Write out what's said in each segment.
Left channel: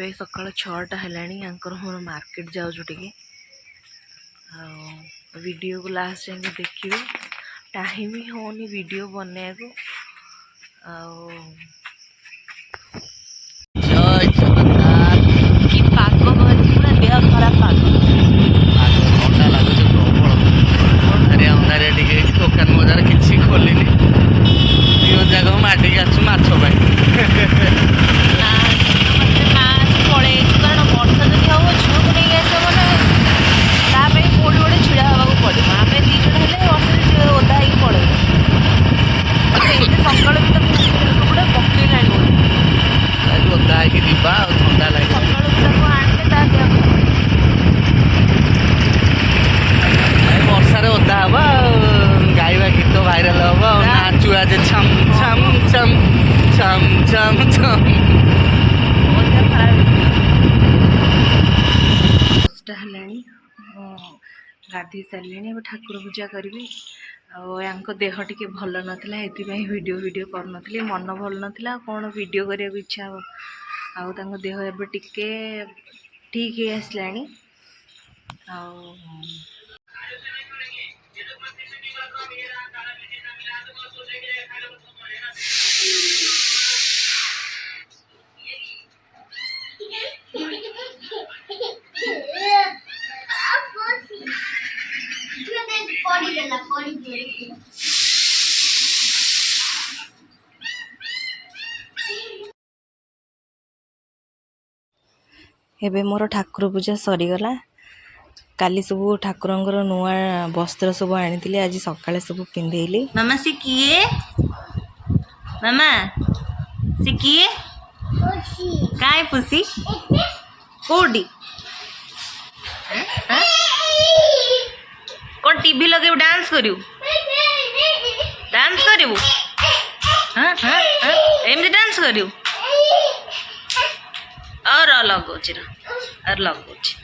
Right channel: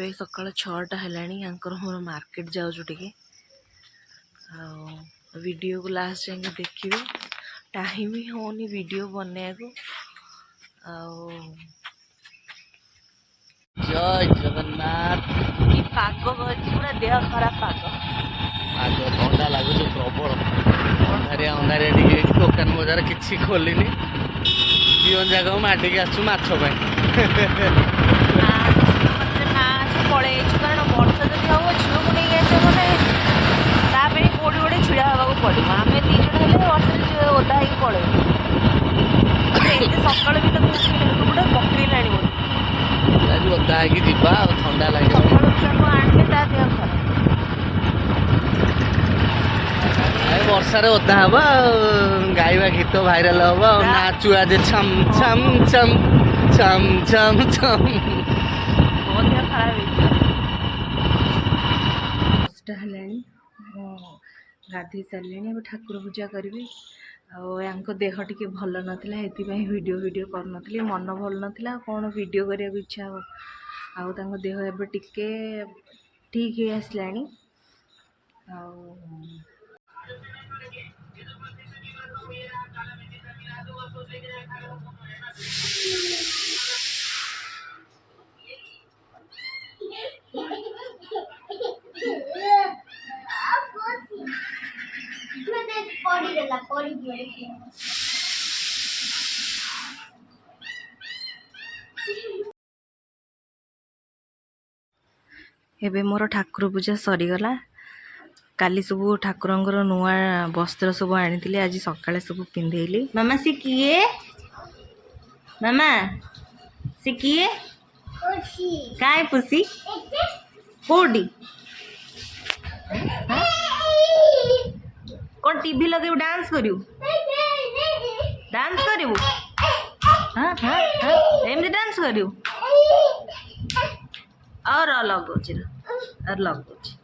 ଏବେ ସକାଳ 6ଟା ହେଲାଣି ଆଙ୍କର ମୋର ମାର୍କେଟ ଯାଉଛୁ ଟିକେ ଆଉ ଭିଡ଼ିଓ को लास्ट जाके देखिए टाइम ही होनी वीडियो बनने ଆଉ जय जगन्नाथ कि पाग भरी पूरा देह खराब पाग आग ठंडा लगुच प्रबल अंधारिया अंधारिया टे दुकान बजार किसी खोलिनी दिवन जाक माटिक आसु माछ पड़े कारण वर्षा जब हम झील को नहीं आस मैंने कौटी गोटे ढड़ा हाँ पड़ो आम दीज वर्षा ओदा हो पड़े सका भी गोटे पकईला ओदा होगा ठंडा लगे सका भी आने ता देह खराब वर्षार ओदा हम गाइबा गीत भाइराल हम नाचु आज छम छम छम छम छम छम खराब गाधे सारे ठाकुर पूजा करी आको देह टी भल नाला ये वीडियो कर मन भल नाला कौन वीडियो करने को इच्छा हो आ देह एवं टिके ठीक है आसला एबे मोर ठाकुर पूजा सरीगला काली सब ठाकुर नुआ वस्त्र सब आनी आज सका सब पिंधेली मामा सी किए मामा सी किए काय पुसी कोडी कौन टीवी लगे डांस करू डांस करू हाँ हाँ हाँ एमती डांस करू और लगौच और लगौच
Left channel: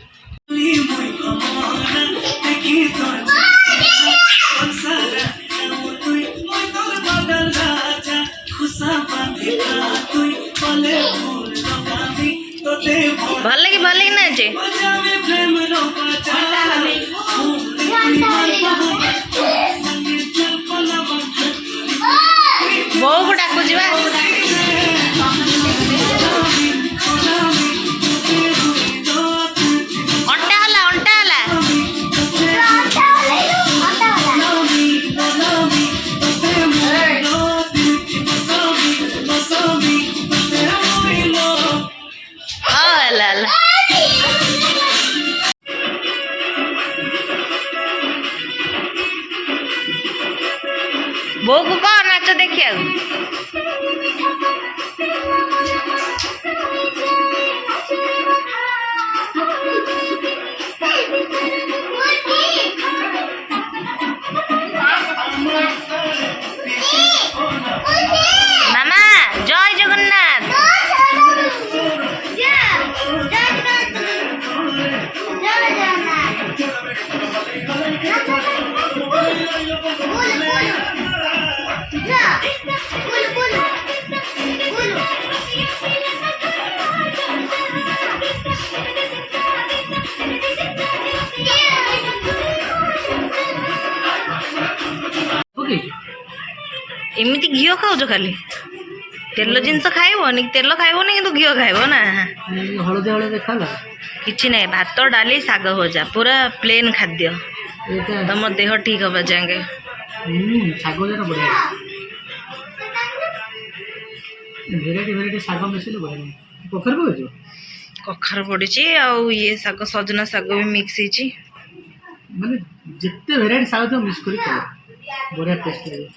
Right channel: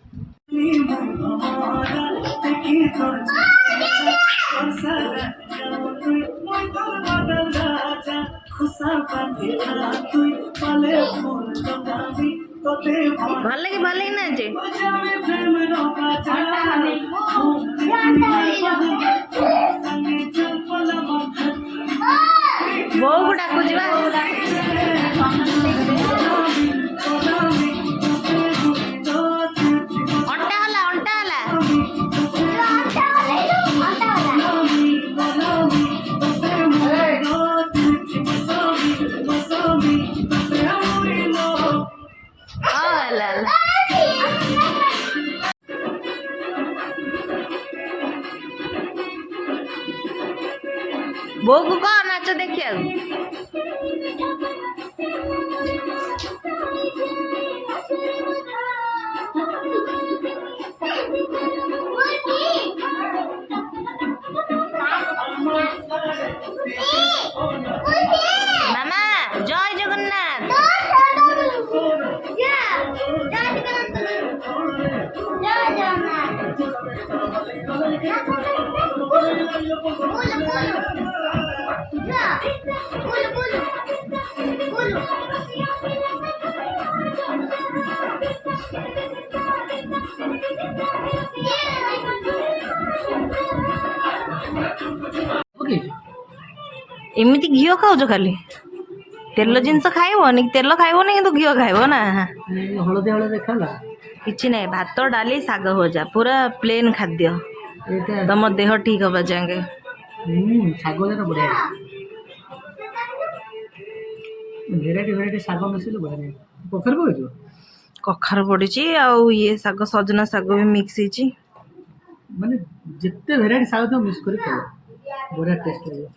भल लगे नाचे बो को डाकुच बो को कह नाच देखिया मामा जय जगन्नाथ एमती घी खाऊ खाली तेल जिनस खाइबनी तेल खाइबनी कि घी खाइब ना हलदी हलदी देखा किसी ना भात डाली साग भजा पूरा प्लेन खाद्य तुम देह ठीक हवा जाएंगे साग बढ़िया भेराइटी भेराइटी साग मिसले बढ़िया कखर पकाइछ कखार पड़ी ये साग सजना साग भी मिक्स होती माने जिते भेराइटी साग तो मिक्स करी बढ़िया टेस्ट लगे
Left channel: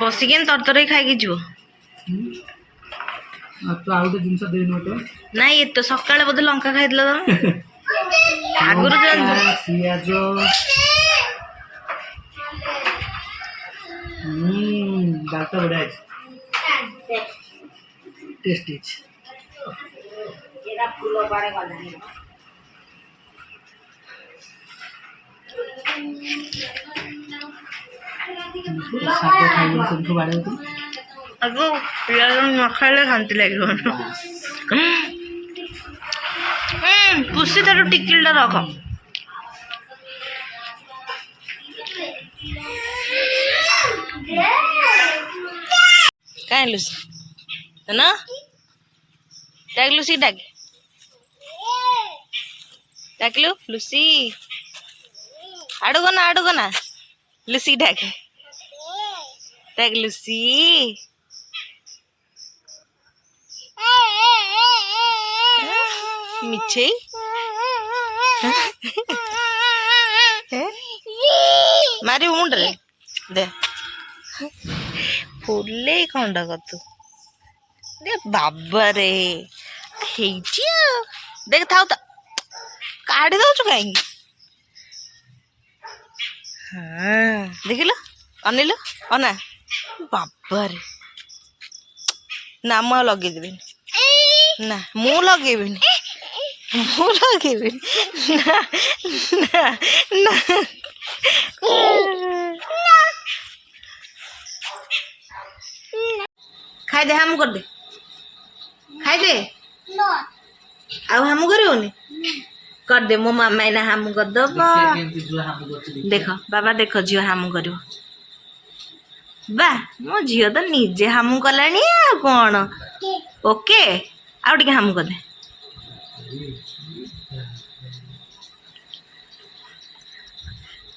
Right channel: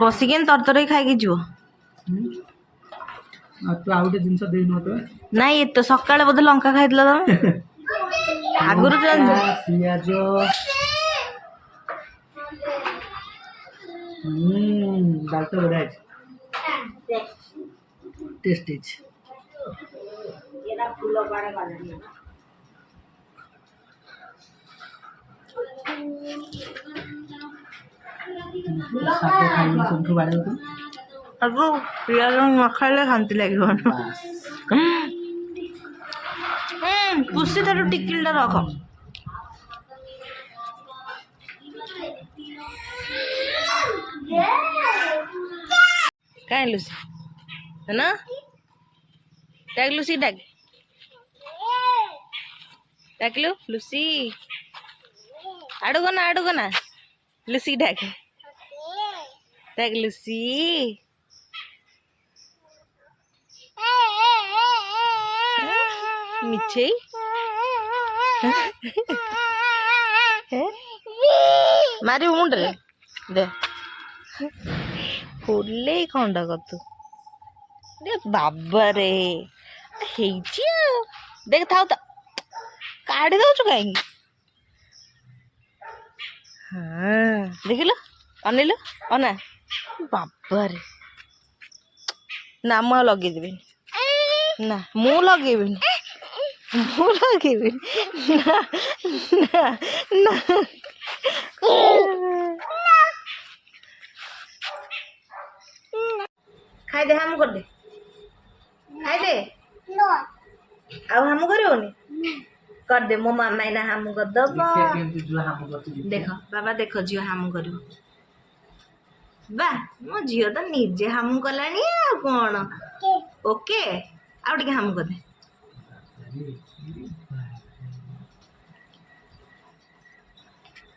बसिक तरतर खाई जीव तो आउ गोटे जिनस दे नोट ना ये तो सकाଳେ बोधे लंका खाइदिल तुम आगुर पियाज डाल तो बढ़िया टेस्ट साग खाई सबठू बाड़े ଆକୁ ପିଆଜ ନ ଖାଇଲେ ଶାନ୍ତି ଲାଗିବନି। ପୁଷି ତାର ଟିକିଲିଟା ରଖ। କାହିଁ ଲୁସି ନା ଡାକ ଲୁସି ଡାକିଲୁ ଲୁସି ଆଡ଼କୁ ନା ଲୁସି ଡାକେ ଲୁସି। ମିଛେଇ ମାରିବୁ ମୁଣ୍ଡରେ ଦେ ଫୁଲେଇ ଖଣ୍ଡ କତୁ ବାବାରେ ହେଇଛି ଆଉ ଦେଖ ଥାଉ ତ କାଢି ଦଉଛୁ କାହିଁକି? ହଁ ଦେଖିଲୁ ଅନେଇଲୁ ଅନା ବାବାରେ ନା ମୁଁ ଆଉ ଲଗେଇଦେବିନି। ନା ମୁଁ ଲଗେଇବିନି ନା ନା ନା ଖାଇଦେ ହାମୁ କରିଦେ ଖାଇଦେ ଆଉ ହାମୁ କରିବୁନି କରିଦେ ମୋ ମାମା ଏଇନା ହାମୁ କରିଦବ। ଦେଖ ବାବା ଦେଖ ଝିଅ ହାମୁ କରିବ ବା ମୋ ଝିଅ ତ ନିଜେ ହାମୁ କଲାଣି ଆଉ କଣ। ଓକେ ଆଉ ଟିକେ ହାମୁ କରିଦେ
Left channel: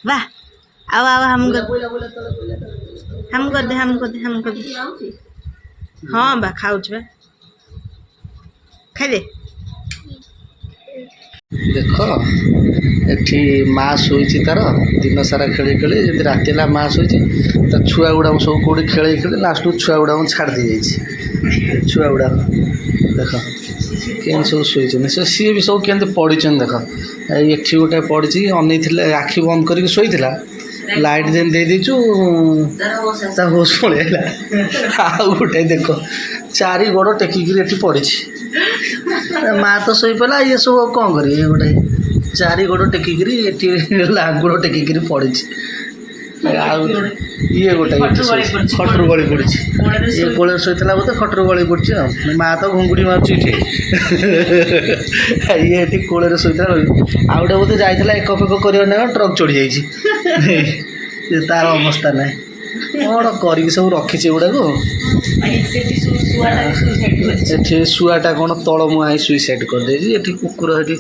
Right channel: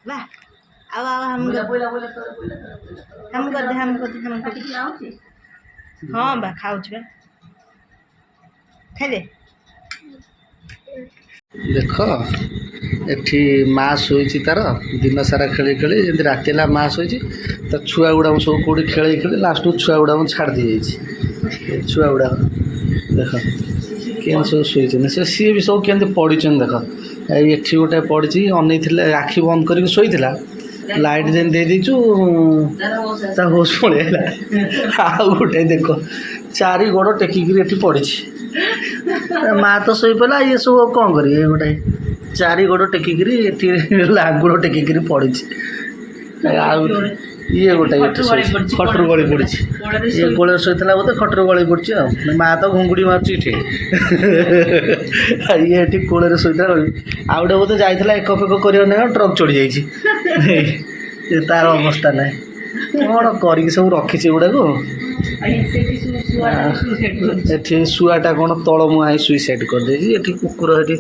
ବା ଆଉ ଆଉ ହାମୁ କରିଦେ ହଁ ବା ଖାଉଛି ବା ଖାଇଦେ। ଦେଖ ଏଠି ମା ଶୋଇଛି ତାର ଦିନ ସାରା ଖେଳି ଖେଳି ଯେମିତି ରାତି ହେଲା ମା ଶୋଇଛି ତା ଛୁଆ ଗୁଡ଼ାକ ସବୁ କେଉଁଠି ଖେଳି ଖେଳି ଲାଷ୍ଟକୁ ଛୁଆ ଗୁଡ଼ାକ ଛାଡ଼ି ଦେଇଯାଇଛି। ଛୁଆ ଗୁଡ଼ାକ ଦେଖ କେମିତି ସବୁ ଶୋଇଛନ୍ତି ସିଏ ବି ସବୁ କେମିତି ପଡ଼ିଛନ୍ତି ଦେଖ। ଏଠି ଗୋଟେ ପଡ଼ିଛି ଅନେଇଥିଲେ ଆଖି ବନ୍ଦ କରିକି ଶୋଇଥିଲା ଲାଇଟ୍ ଯେମିତି ଦେଇଦେଇଛୁ ତା ହୋସ୍ ପଳେଇଲା। ଆଉ ଗୋଟେ ଦେଖ ଚାରି ଗୋଡ଼ ଟେକିକିରି ଏଠି ପଡ଼ିଛି। ମା ତ ଶୋଇପଡ଼ିଲା ଇଏ ସବୁ ଆଉ କ'ଣ କରିବେ? ଇଏ ଗୋଟେ ଚାରି ଗୋଡ଼ ଟେକିକିରି ଏଠି ଲାଙ୍ଗୁଡ଼ ଟେକିକିରି ପଡ଼ିଛି। ଆଉ ଇଏ ଗୋଟେ ଏଠି ଶୋଇଛି ଖଟରୁ ଗଳି ପଡ଼ିଛି। ଇଏ କୋଳରେ ଶୋଇଥିଲା ବୋଧେ ଖଟରୁ ଗଳି ପଡ଼ିଛି ଆଉ ମା ତ ଘୁଙ୍ଗୁଡ଼ି ମାରୁଛି ଏଠି। ଇଏ ଏଠି କୋଳରେ ଶୋଇଥିଲା ଆଉ ଗୋଟେ ବୋଧେ ଯାଇଥିଲା ଏକ ଫେକ କରିବା ନା ଟ୍ରକ୍ ଚଢ଼ି ଯାଇଛି। ତାର ଅବସ୍ଥା ନାହିଁ କ'ଣ କରିକି ସବୁ ରଖିଛି ଏଗୁଡ଼ାକୁ। ଏଠି ଶୁଆଟା କ'ଣ ତଳ ମୁହାଁ ହେଇ ସୁଇସାଇଡ଼୍ କରିଦେଇଛି। ଏଠି କୁକୁର ଏଠି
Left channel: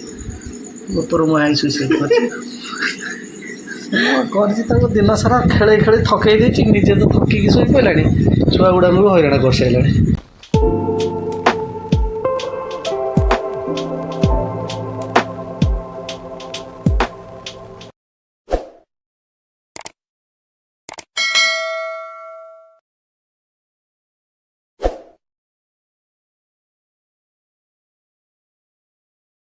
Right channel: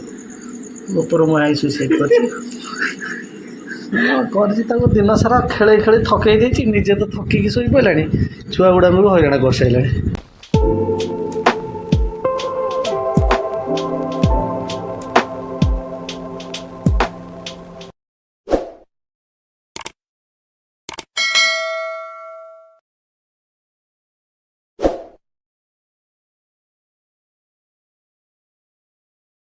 ଉପର ମୁହାଁ ହେଇ ସୁଇସାଇଡ଼୍ କରିଛି। କରିଛି ତାକୁ ଦିନ ସାରା ଖେଳେଇ ଖେଳି ଥକେଇ ଦେଇଛି ନିଜେ ତ ଥକିକି ଶୋଇପଡ଼ିଲାଣି ଛୁଆ ଗୁଡ଼ାଙ୍କୁ ବି ହଇରାଣ କରିସାରିଲାଣି।